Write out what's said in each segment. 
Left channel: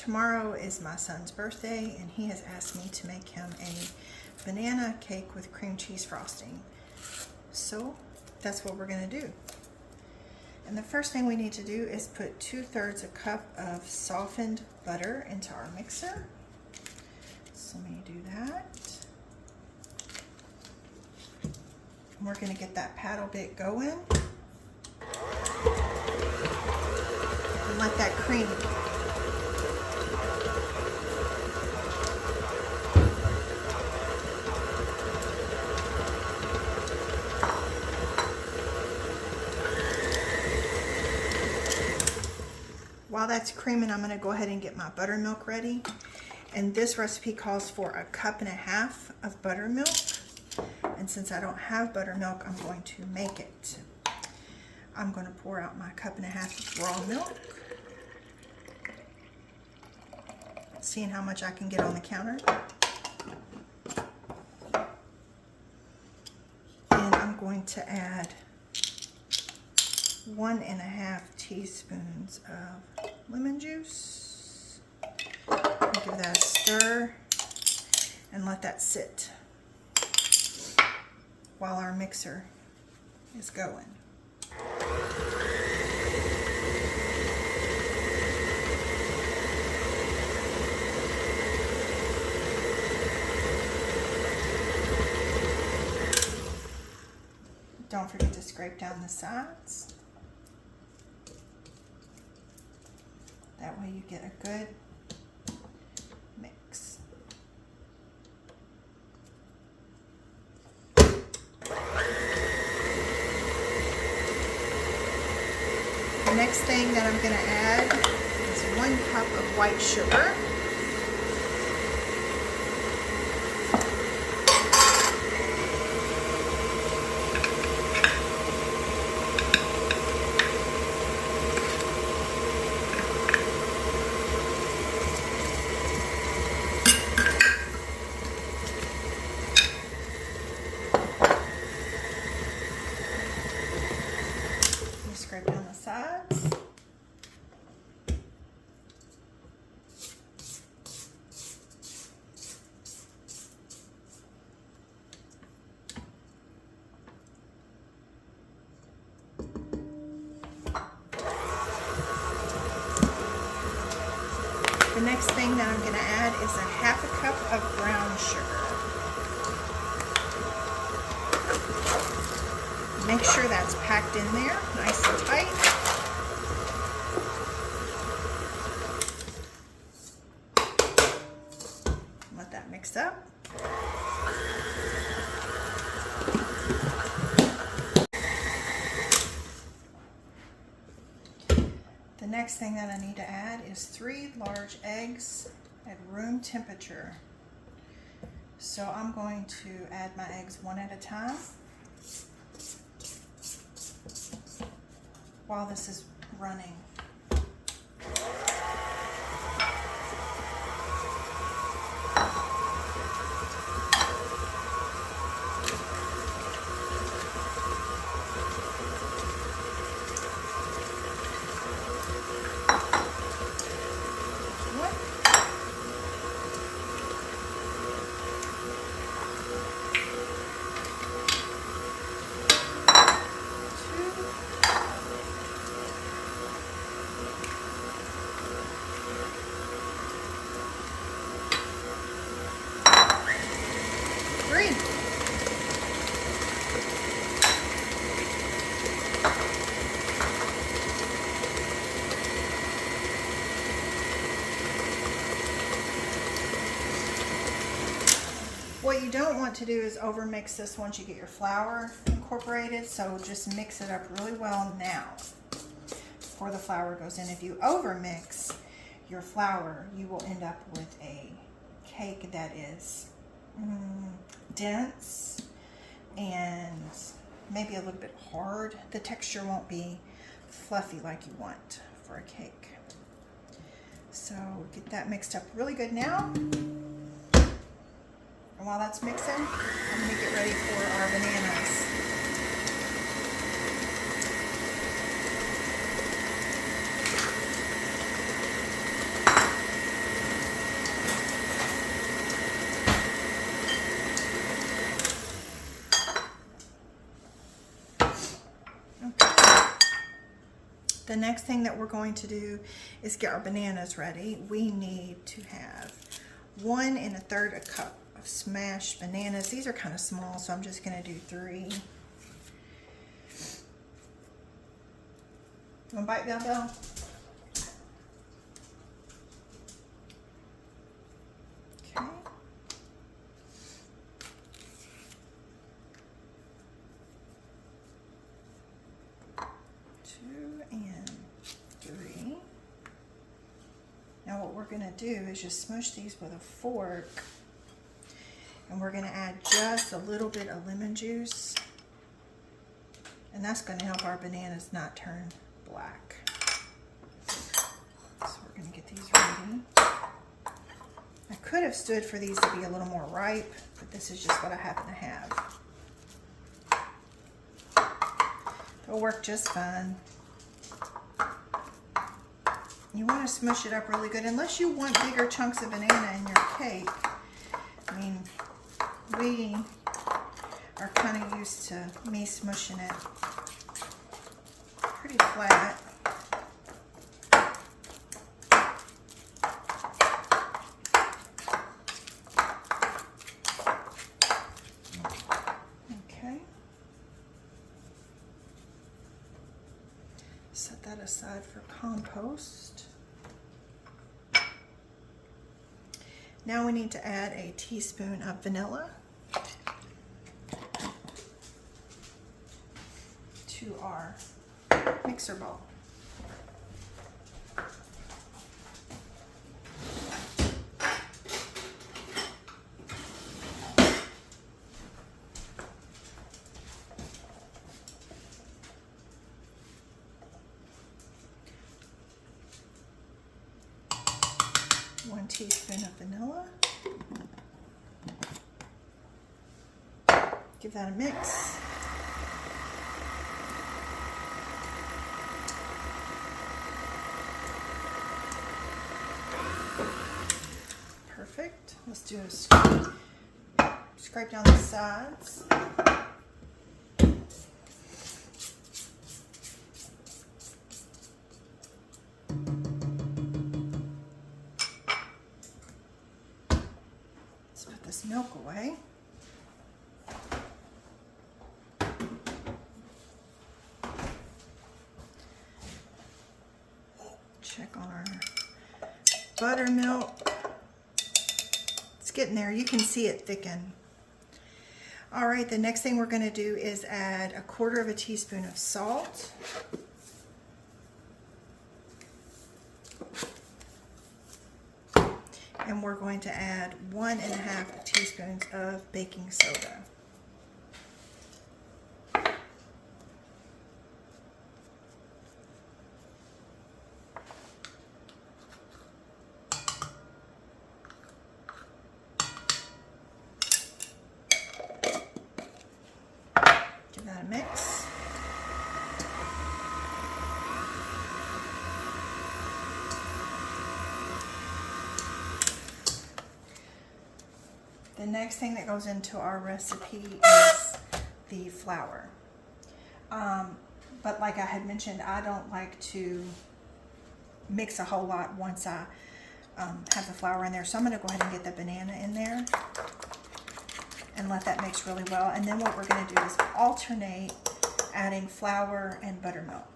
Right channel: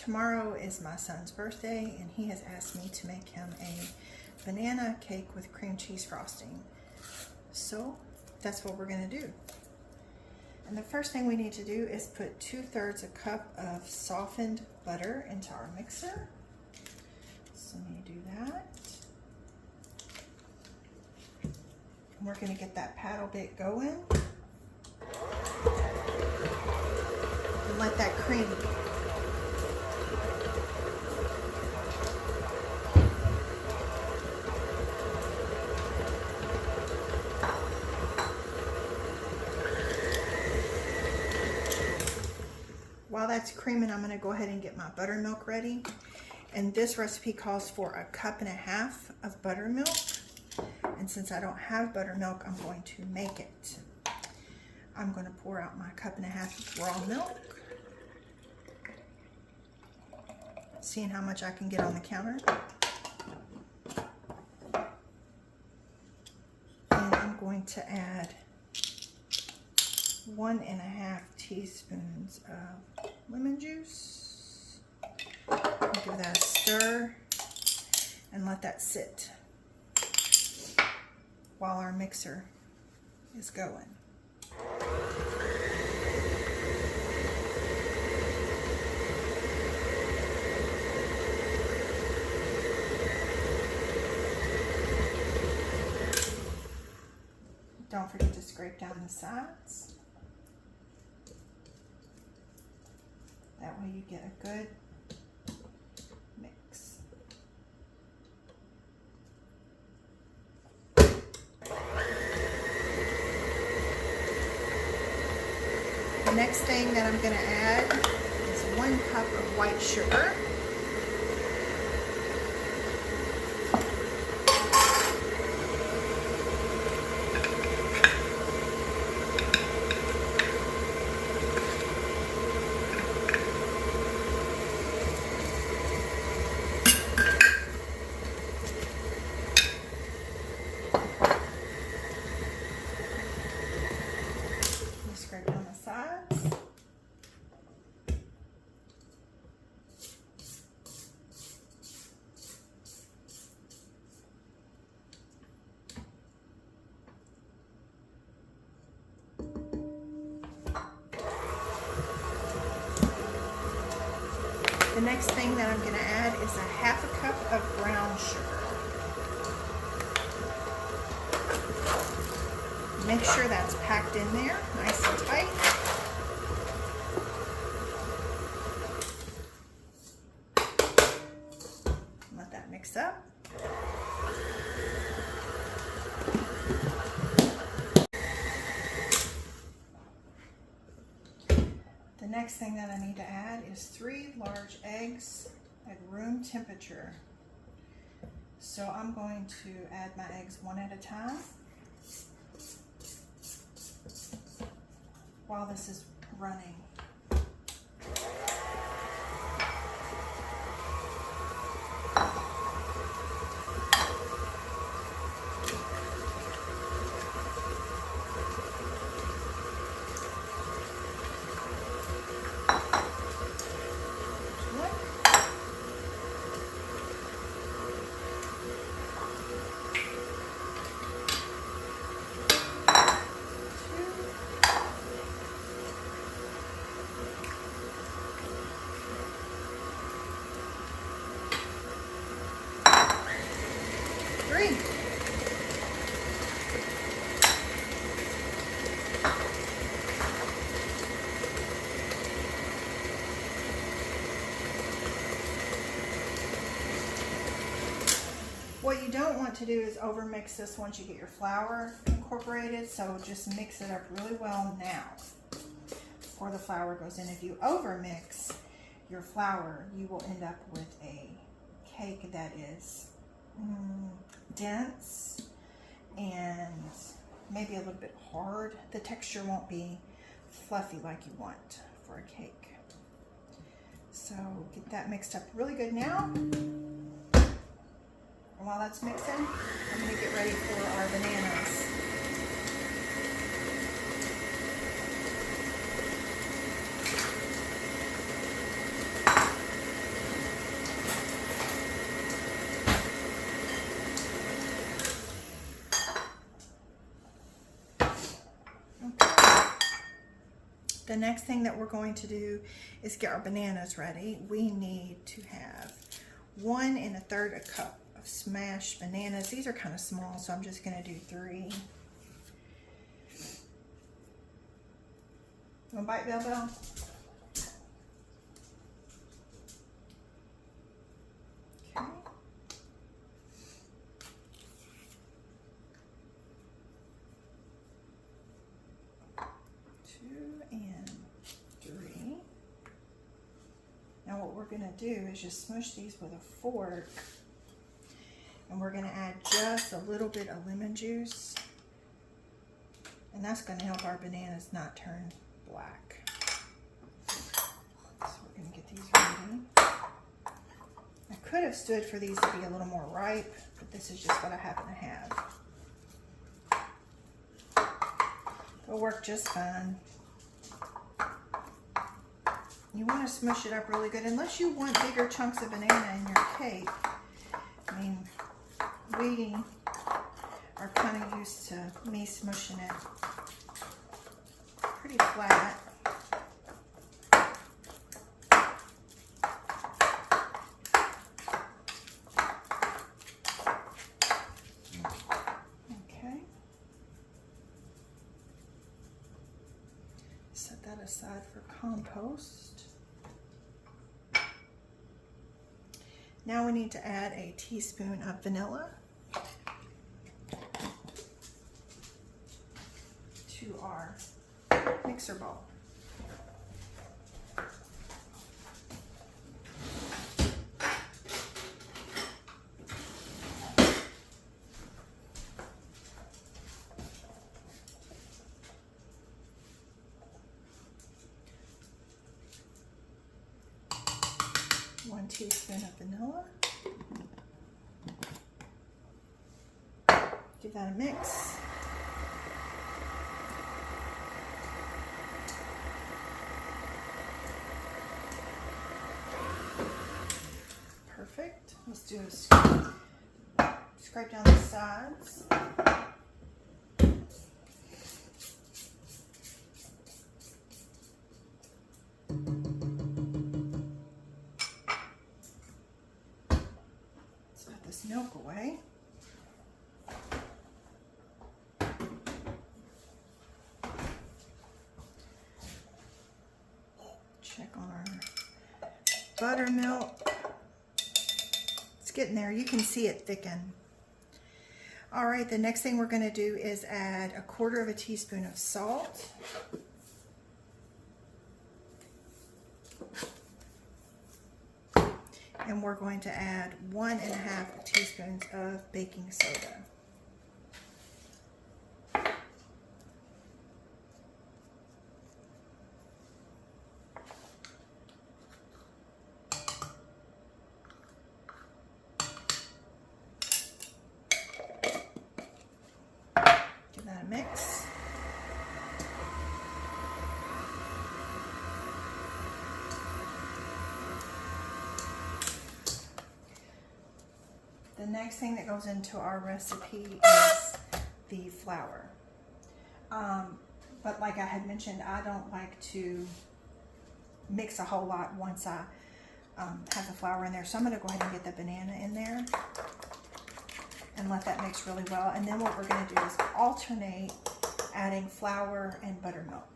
tomorrow is my son's birthday, and he has asked me to make him a banana cake with cream cheese frosting. So that's what we're gonna do. And the first thing we need to do is put 2/3 a cup of softened butter into our mixer. So let me do that. And we're gonna get that paddle bit going. And let that cream While that's creaming, I'm going to go ahead and get my buttermilk ready. And this recipe calls for 1.5 cups of buttermilk. And since I don't have buttermilk, I'm going to make it. I'm going to pour out my 1.5 cups of raw milk. Seeing how much I can get on the counter. And I'm going to add 1.5 teaspoons of lemon juice. Give that a stir and let that sit while our mixer is going. Don't forget to scrape down the sides. That way you get a good mix. The next thing that I'm going to add is 1 cup of white sugar. Scrape down the sides. The next thing that I'm going to add is 1/2 cup of brown sugar. Make sure that's packed in there, nice and tight. Let that mix up. The next thing that I need to add is 3 large eggs at room temperature. So I'm going to add my eggs one at a time while this is running. What you don't want to do is overmix this once you get your flour incorporated, so just mix it up really well now before the flour goes in. If you overmix your flour, you will end up with a cake that is dense and maybe a little bit hard. The texture won't be fluffy like you want for a cake. So get that mixed up really good now. And while that's mixing, I'm going to get ready for our bananas. The next thing that we're going to do is get our bananas ready. We need to have 1 1/3 cup of smashed bananas. These are kind of small, so I'm just going to do 3. You want to bite, Belle Belle? Okay. 2 and 3. Now what we're going to do is just smush these with a fork, and we're going to add just a little bit of lemon juice, and that's going to help our bananas not turn black. So we're going to get these ready. I could have stood for these to be a little more ripe, but this is just what I happen to have. It'll work just fine. You want to smush it up really good, unless you want bigger chunks of banana in your cake. I mean, we are kind of used to me smushing it pretty flat. Okay. Set that aside for compost. Now we need to add a teaspoon of vanilla to our mixer bowl. One teaspoon of vanilla. Give that a mix. Perfect. Let's do a scrape down the sides. This milk away. Check on our buttermilk. It's getting there. You can see it thicken. All right, the next thing we're going to do is add 1/4 teaspoon of salt. And we're going to add 1 1/2 teaspoons of baking soda. Give that a mix. The next thing that goes into our recipe is the flour. But like I had mentioned, I don't like to mix a whole lot once I have the flour in there. So I'm going to go ahead and get the banana in there and let that mix really well. And then what we're going to do is alternate adding flour and buttermilk.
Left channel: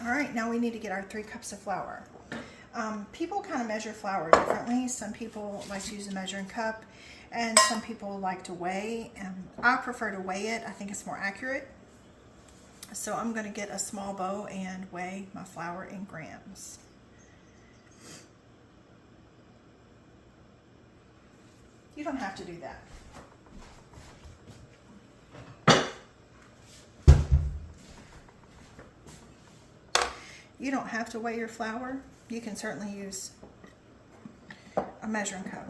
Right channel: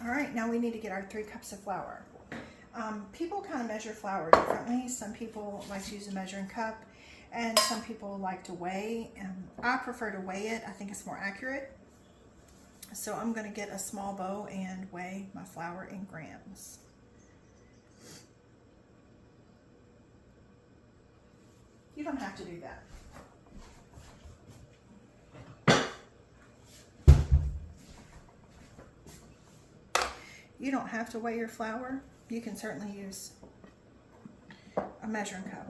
All right, now we need to get our 3 cups of flour. People kind of measure flour differently. Some people like to use a measuring cup, and some people like to weigh. I prefer to weigh it. I think it's more accurate. So I'm going to get a small bowl and weigh my flour in grams. You don't have to do that. You don't have to weigh your flour. You can certainly use a measuring cup.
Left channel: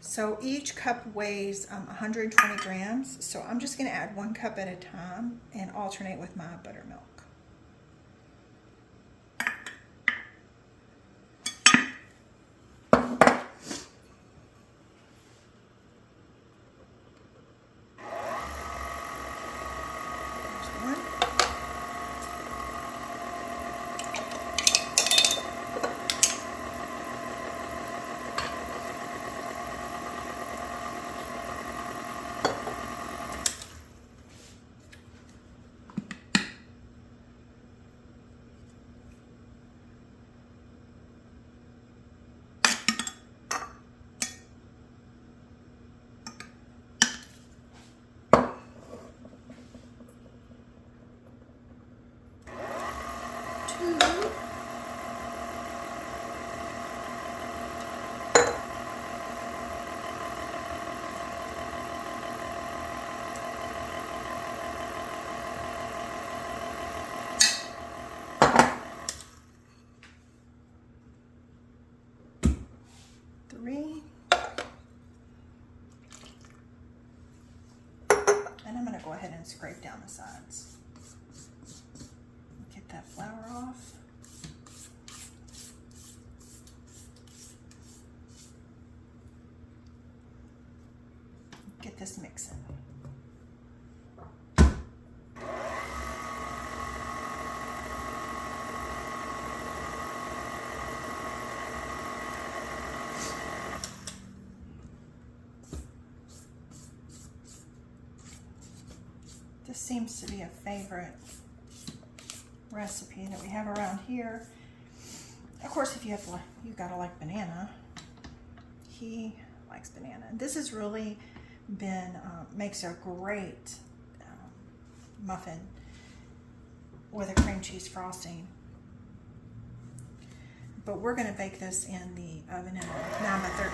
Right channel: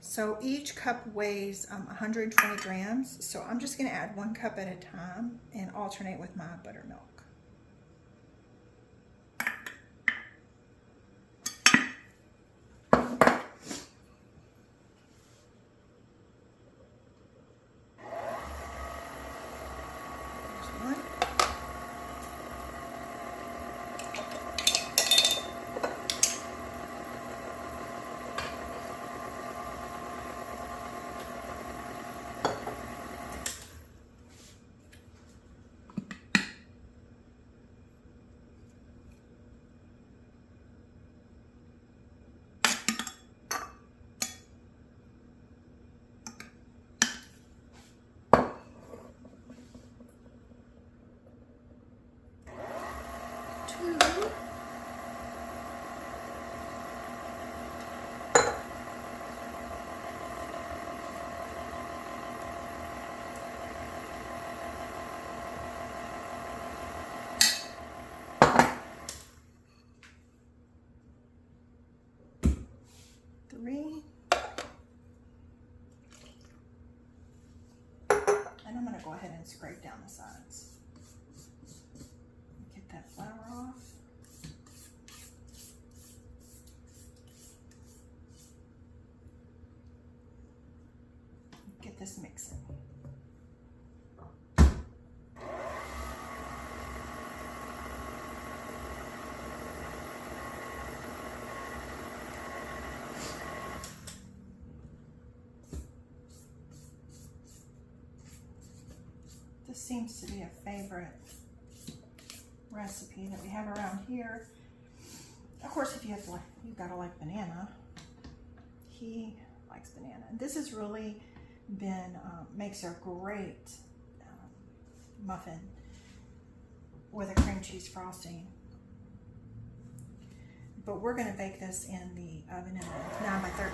So each cup weighs 120 grams. So I'm just going to add 1 cup at a time and alternate with my buttermilk. And I'm going to go ahead and scrape down the sides. Get that flour off. Get this mixing. This seems to be a favorite recipe that we have around here. Of course, if you gotta like banana. He likes banana. This has really been makes a great muffin with a cream cheese frosting. But we're gonna bake this in the oven in a 9x13.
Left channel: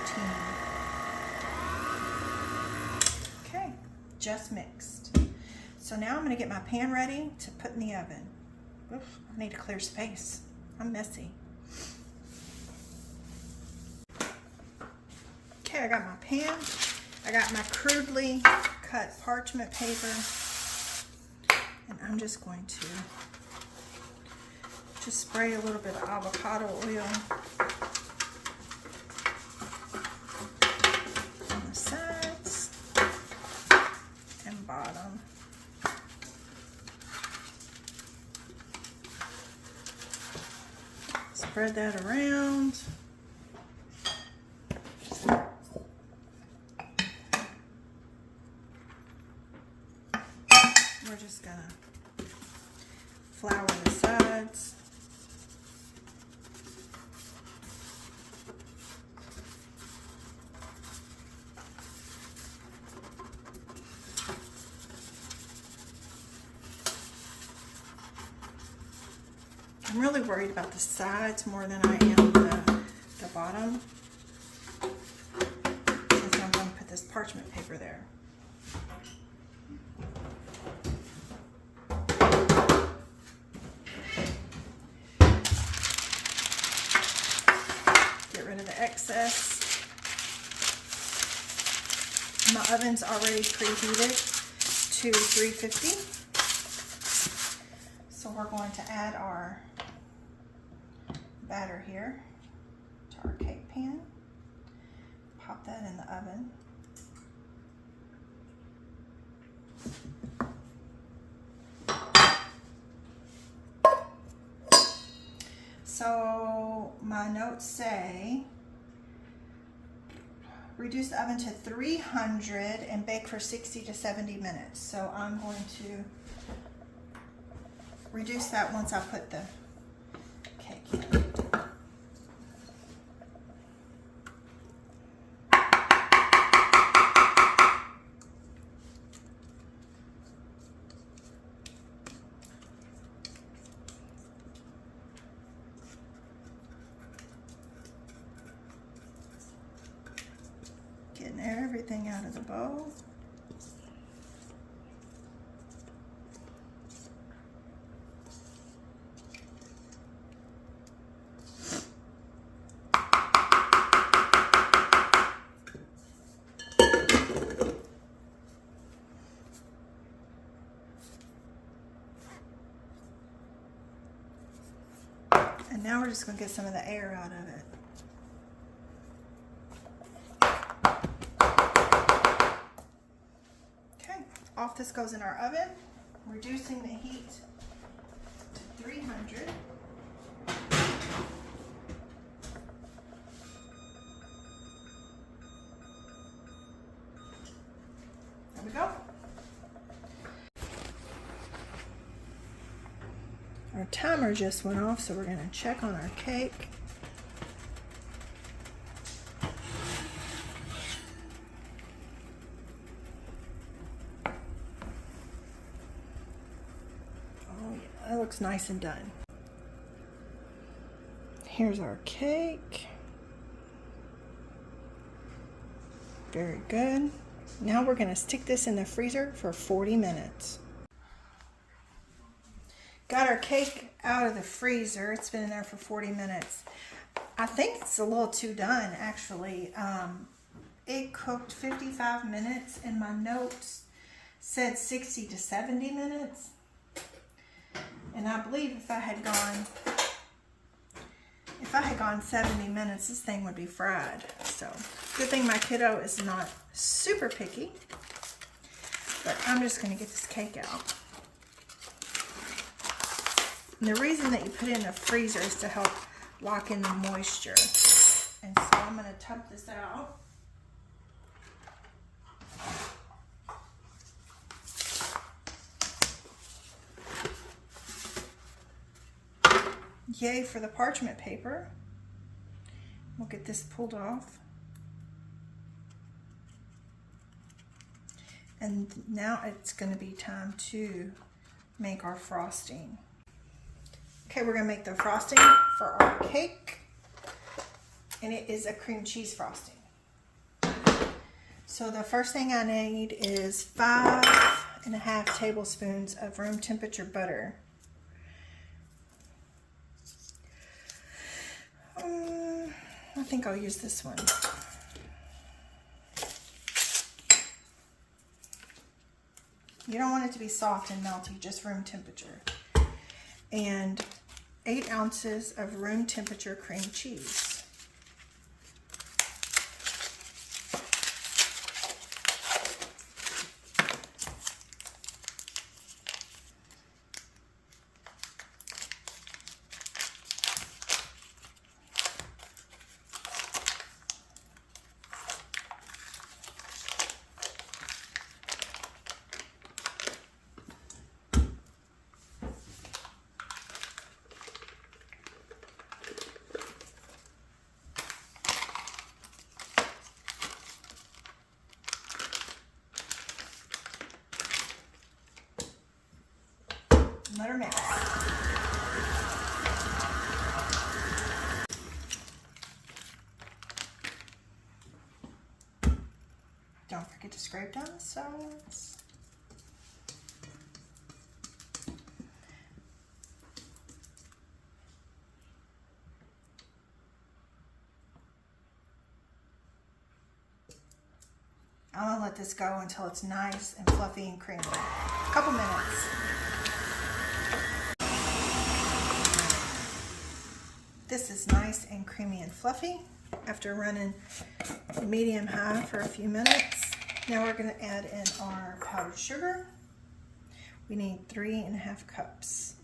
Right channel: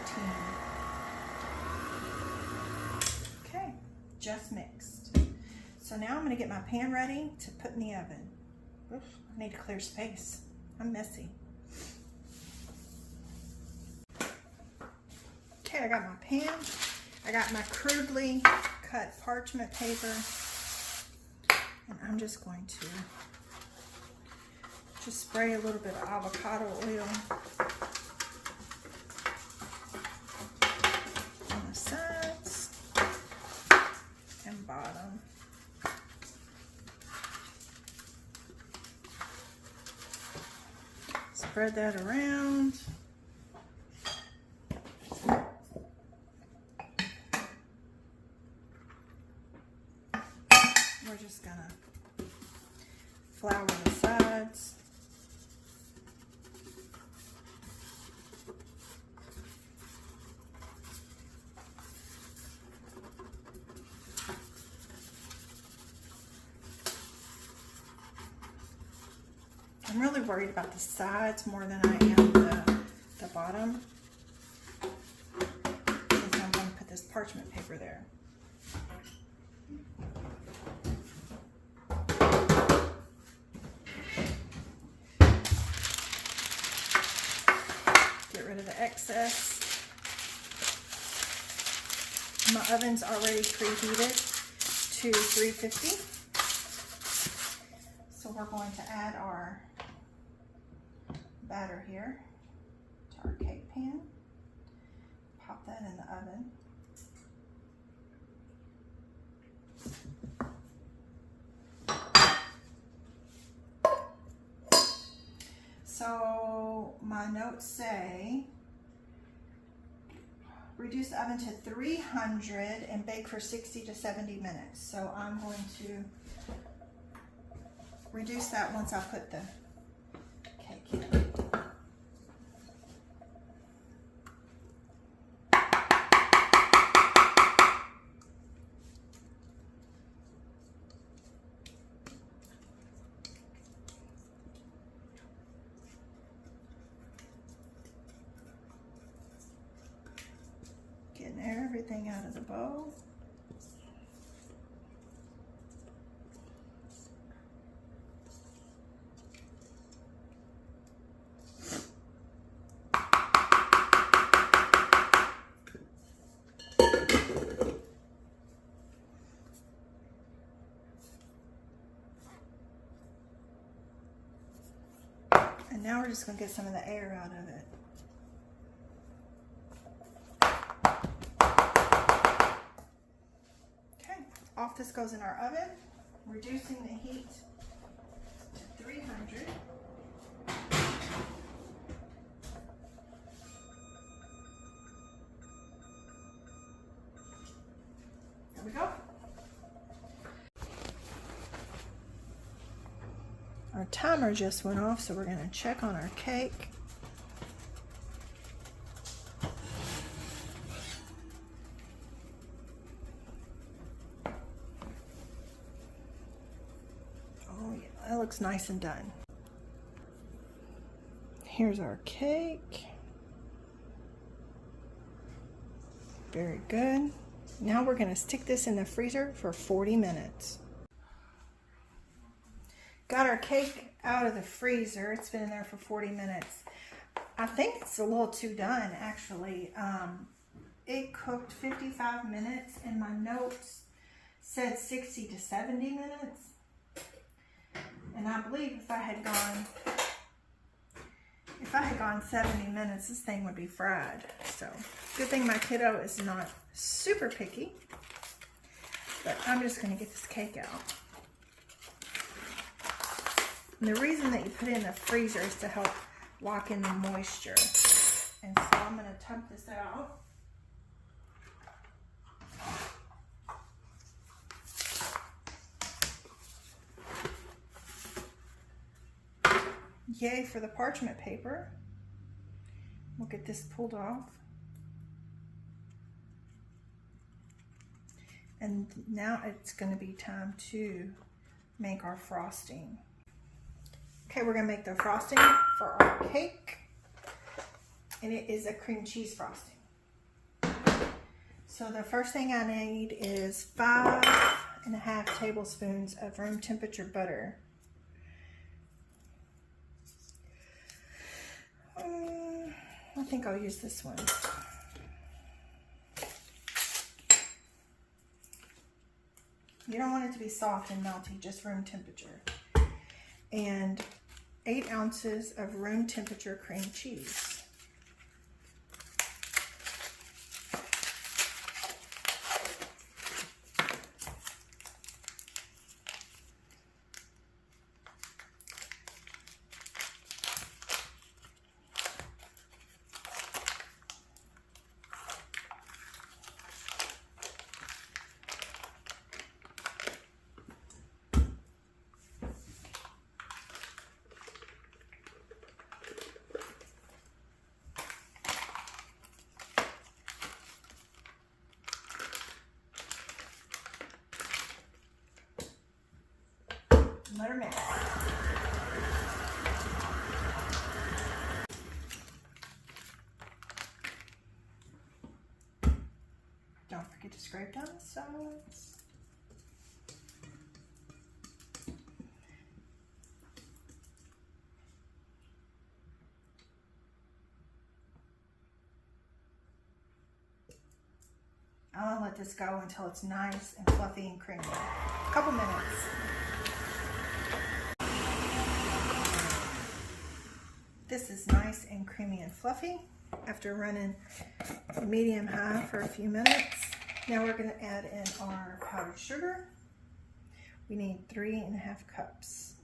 Okay, just mixed. So now I'm going to get my pan ready to put in the oven. Oof, I need to clear space. I'm messy. Okay, I got my pan. I got my crudely cut parchment paper. And I'm just going to just spray a little bit of avocado oil on the sides and bottom. Spread that around. We're just gonna flour the sides. I'm really worried about the sides more than I am the bottom, since I'm going to put this parchment paper there. Get rid of the excess. My oven's already preheated to 350. So we're going to add our batter here to our cake pan. Pop that in the oven. So my notes say reduce the oven to 300 and bake for 60 to 70 minutes. So I'm going to reduce that once I put the cake in. Getting everything out of the bowl. And now we're just going to get some of the air out of it. Okay, off this goes in our oven, reducing the heat to 300. There we go. Our timer just went off, so we're going to check on our cake. Oh yeah, that looks nice and done. Here's our cake. Very good. Now we're going to stick this in the freezer for 40 minutes. Got our cake out of the freezer. It's been in there for 40 minutes. I think it's a little too done, actually. It cooked 55 minutes, and my notes said 60 to 70 minutes. And I believe if I had gone 70 minutes, this thing would be fried. So, good thing my kiddo is not super picky. But I'm just going to get this cake out. And the reason that you put it in the freezer is to help lock in the moisture. And so I'm going to tub this out. Yay for the parchment paper. We'll get this pulled off. And now it's going to be time to make our frosting. Okay, we're going to make the frosting for our cake, and it is a cream cheese frosting. So the first thing I need is 5.5 tablespoons of room temperature butter. I think I'll use this one. You don't want it to be soft and melty, just room temperature. And 8 ounces of room temperature cream cheese. Let her mix. Don't forget to scrape down the sides. I'm gonna let this go until it's nice and fluffy and creamy. A couple minutes. This is nice and creamy and fluffy after running medium high for a few minutes. Now we're going to add in our powdered sugar. We need 3.5 cups.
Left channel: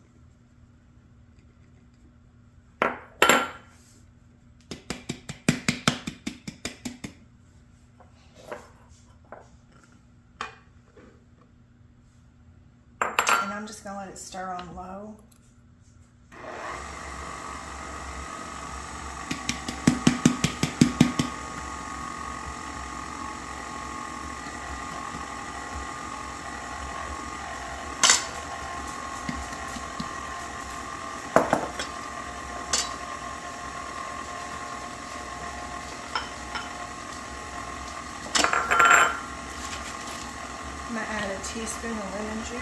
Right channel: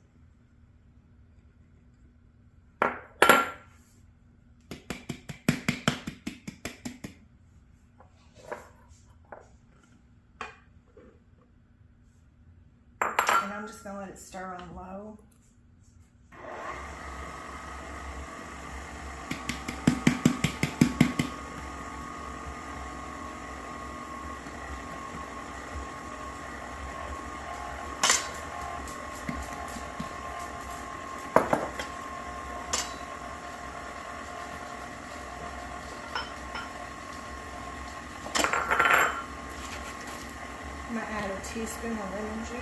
And I'm just going to let it stir on low. I'm going to add a teaspoon of lemon juice.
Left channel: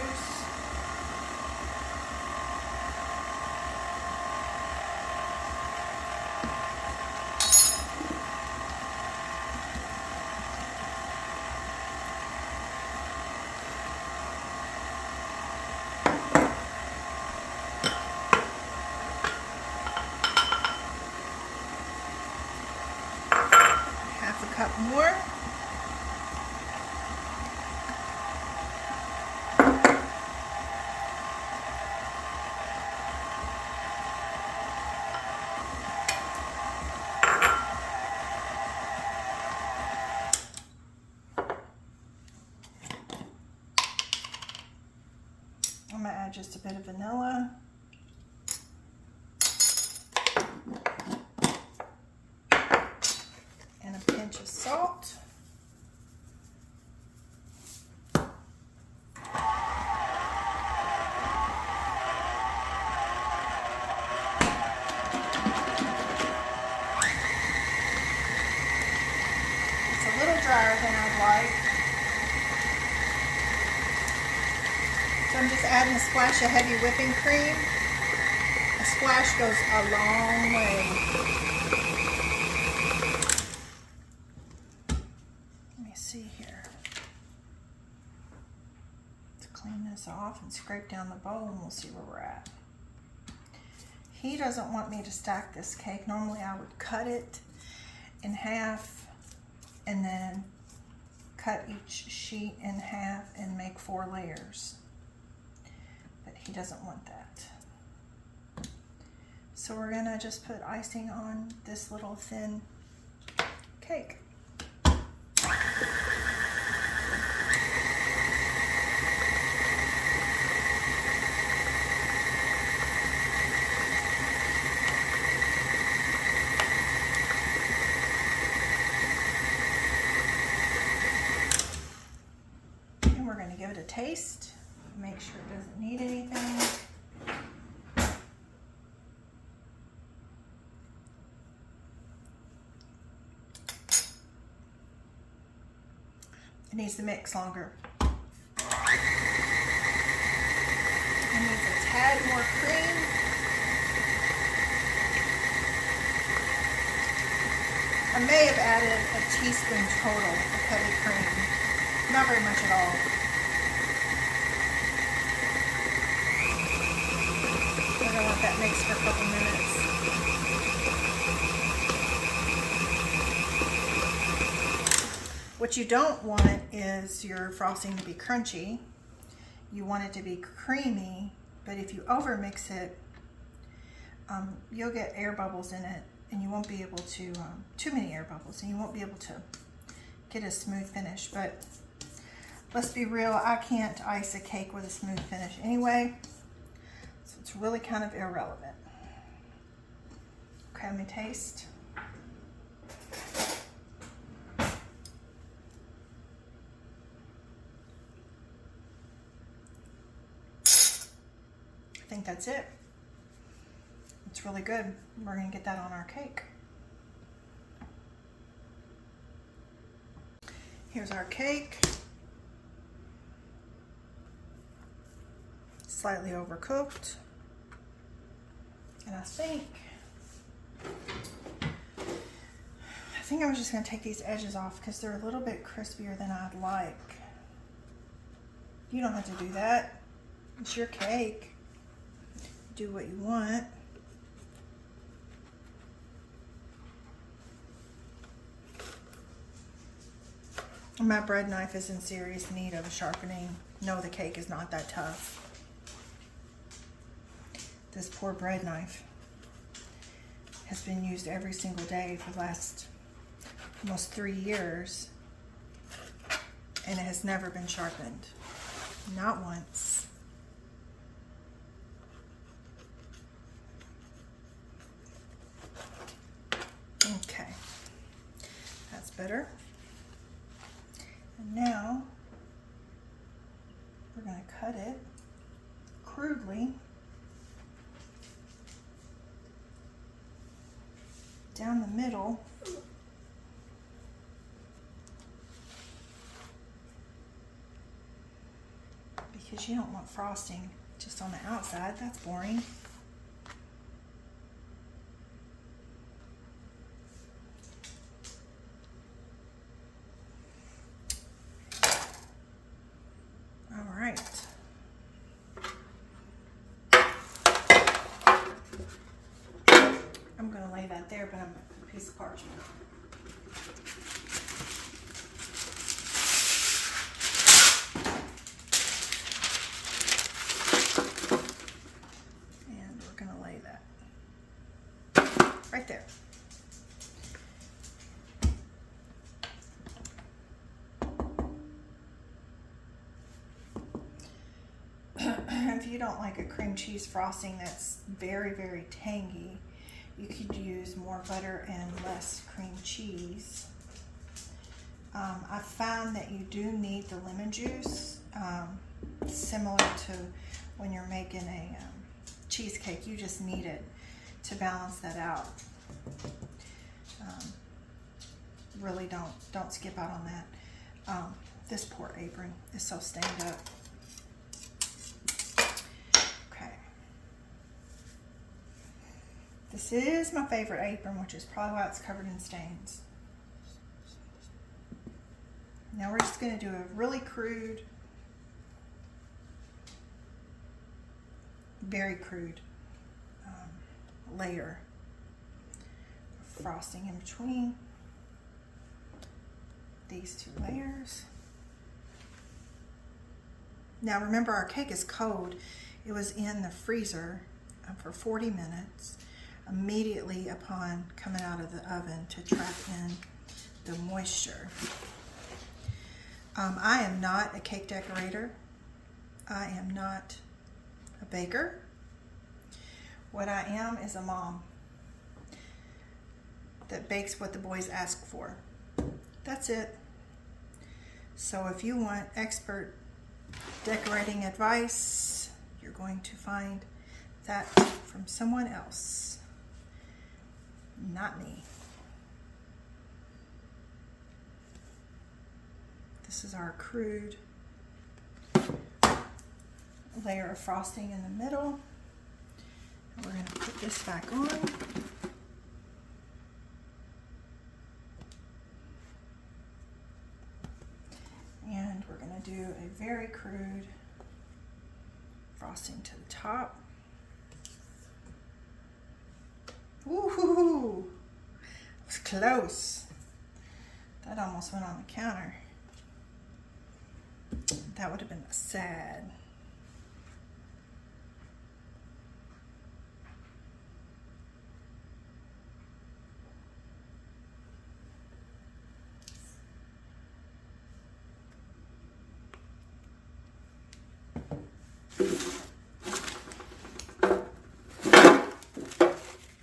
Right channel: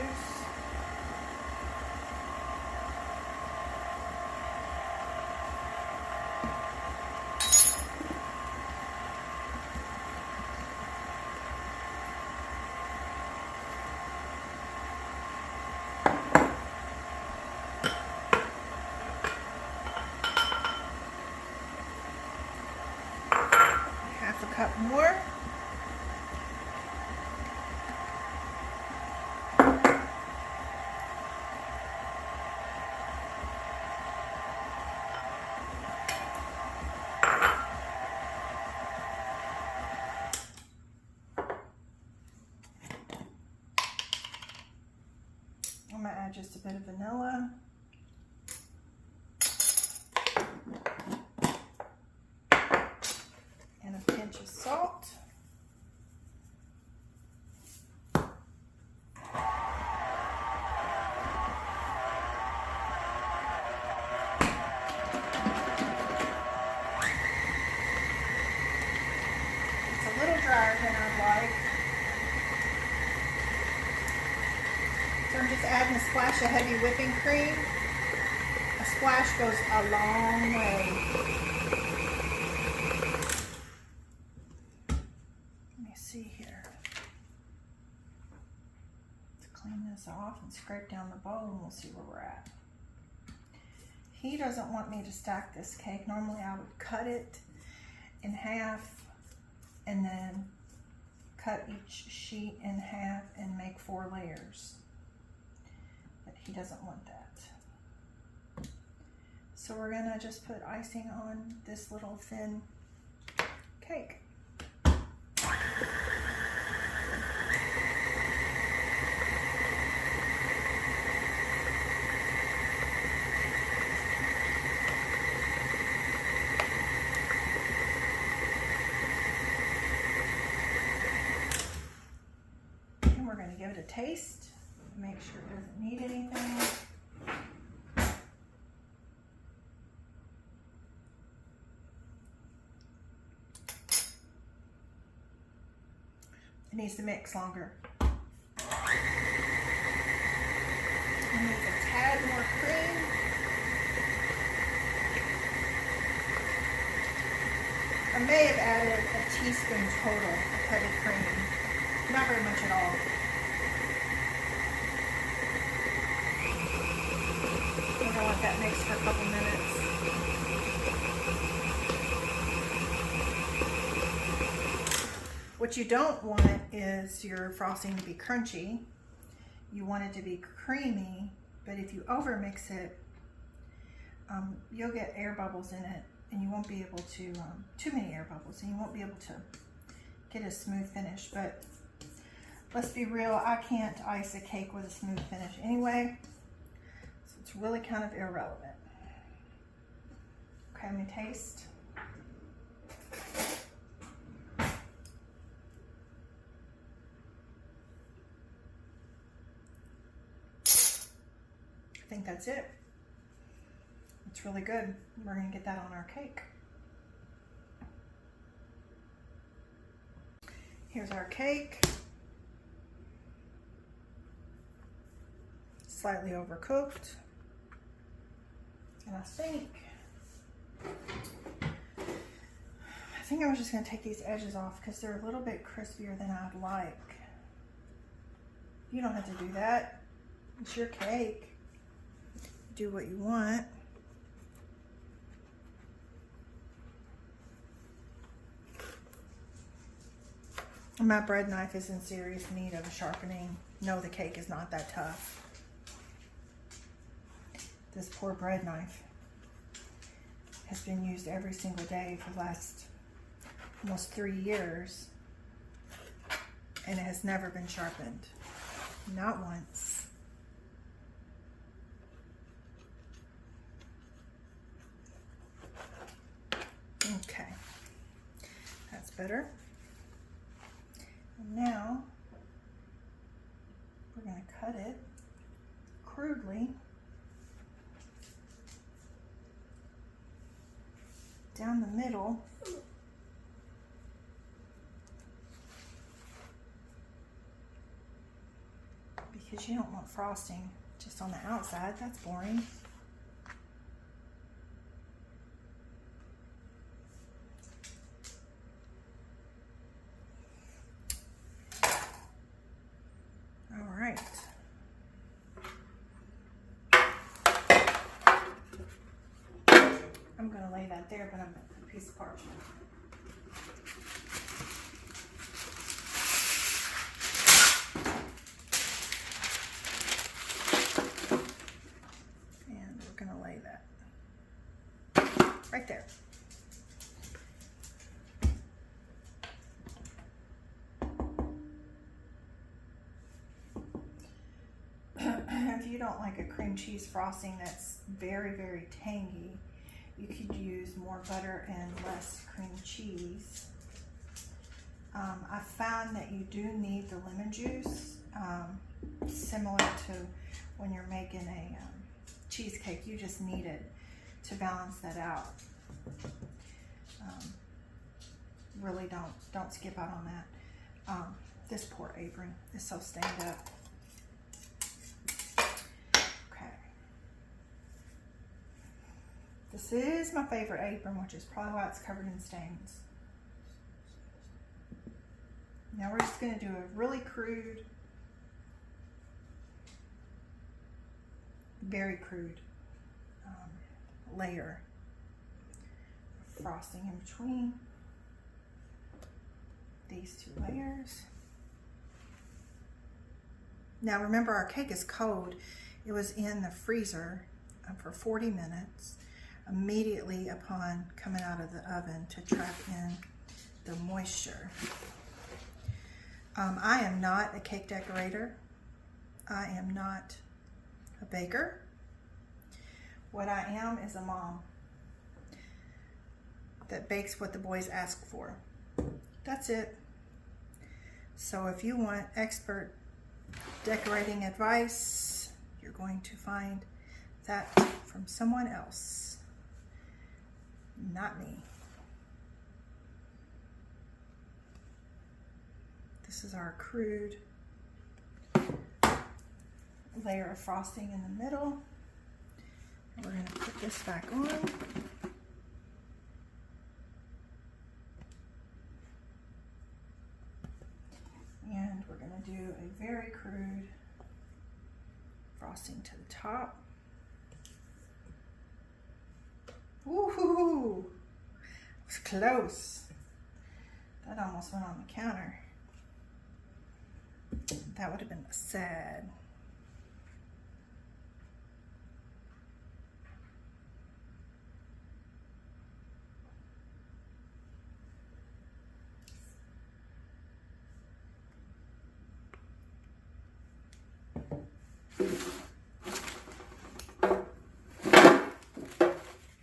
more. I'm going to add just a bit of vanilla. And a pinch of salt. It's a little drier than I'd like. So I'm just adding a splash of heavy whipping cream. A splash goes a long way. Let me see here. Let's clean this off and scrape down the bowl and we'll see where we're at. He doesn't want me to stack this cake. Normally I would cut it in half and then cut each sheet in half and make 4 layers. But he doesn't want that. So we're gonna just put icing on this little thin cake. And we're gonna give it a taste. Make sure it doesn't need anything. It needs to mix longer. It needs a tad more cream. I may have added a teaspoon total of heavy cream. Not very much at all. We're gonna let that mix for a couple minutes. What you don't want is your frosting to be crunchy. You want it to be creamy, but if you overmix it, you'll get air bubbles in it, and you won't be able to, too many air bubbles, and you won't be able to get a smooth finish. But let's be real, I can't ice a cake with a smooth finish anyway, so it's really kind of irrelevant. Okay, let me taste. I think that's it. It's really good. We're going to get that on our cake. Here's our cake. Slightly overcooked. And I think I was just going to take these edges off because they're a little bit crispier than I'd like. You don't have to do that. It's your cake. Do what you want. My bread knife is in serious need of a sharpening. No, the cake is not that tough. This poor bread knife has been used every single day for the last almost 3 years, and it has never been sharpened. Not once. Okay, that's better. And now we're going to cut it crudely down the middle. Because you don't want frosting just on the outside. That's boring. I'm going to lay that there, but I'm a piece of parchment. right there. If you don't like a cream cheese frosting that's very, very tangy, you could use more butter and less cream cheese. I found that you do need the lemon juice, similar to when you're making a cheesecake. You just need it to balance that out. Really don't skip out on that. This poor apron is so stained up. Okay. This is my favorite apron, which is probably why it's covered in stains. Now we're just going to do a really crude, very crude layer of frosting in between these two layers. Now remember, our cake is cold. It was in the freezer for 40 minutes immediately upon coming out of the oven to trap in the moisture. I am not a cake decorator. I am not a baker. What I am is a mom that bakes what the boys ask for. That's it. So if you want expert decorating advice, you're going to find that from someone else, not me. This is our crude layer of frosting in the middle. And we're going to put this back on. And we're going to do a very crude frosting to the top. Woohoo! It was close. That almost went on the counter. That would have been sad.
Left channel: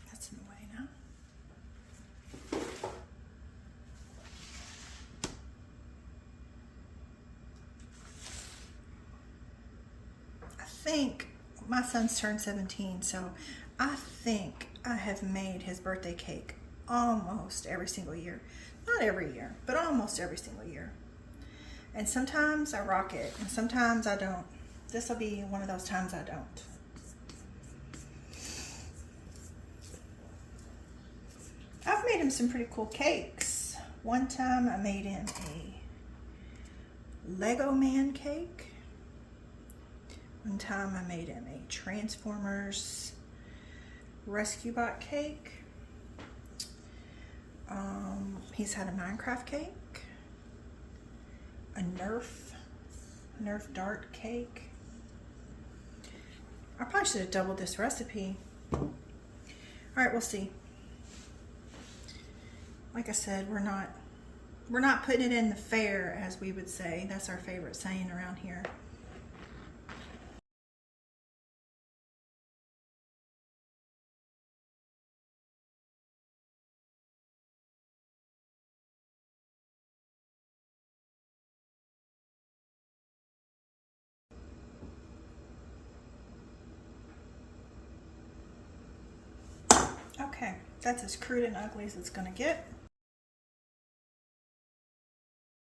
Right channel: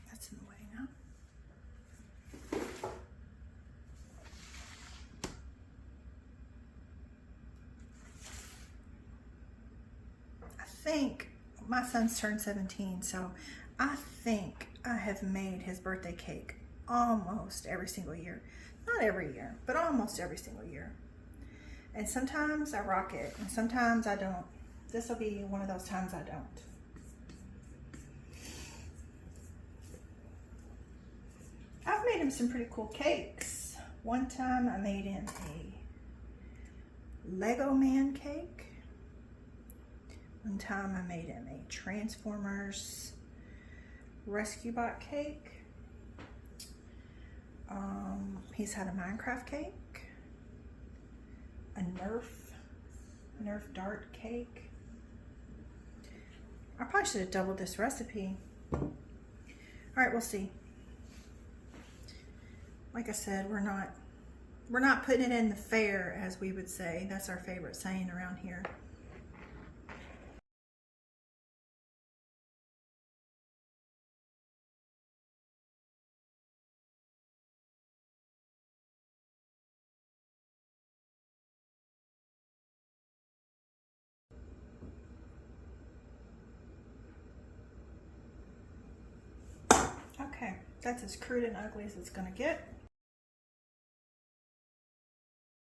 That's in the way now. I think my son's turned 17, so I think I have made his birthday cake almost every single year. Not every year, but almost every single year. And sometimes I rock it, and sometimes I don't. This will be one of those times I don't. I've made him some pretty cool cakes. One time I made him a Lego man cake. One time I made him a Transformers Rescue Bot cake. He's had a Minecraft cake, a Nerf dart cake. I probably should have doubled this recipe. All right, we'll see. Like I said, we're not putting it in the fair, as we would say. That's our favorite saying around here. Okay, that's as crude and ugly as it's gonna get.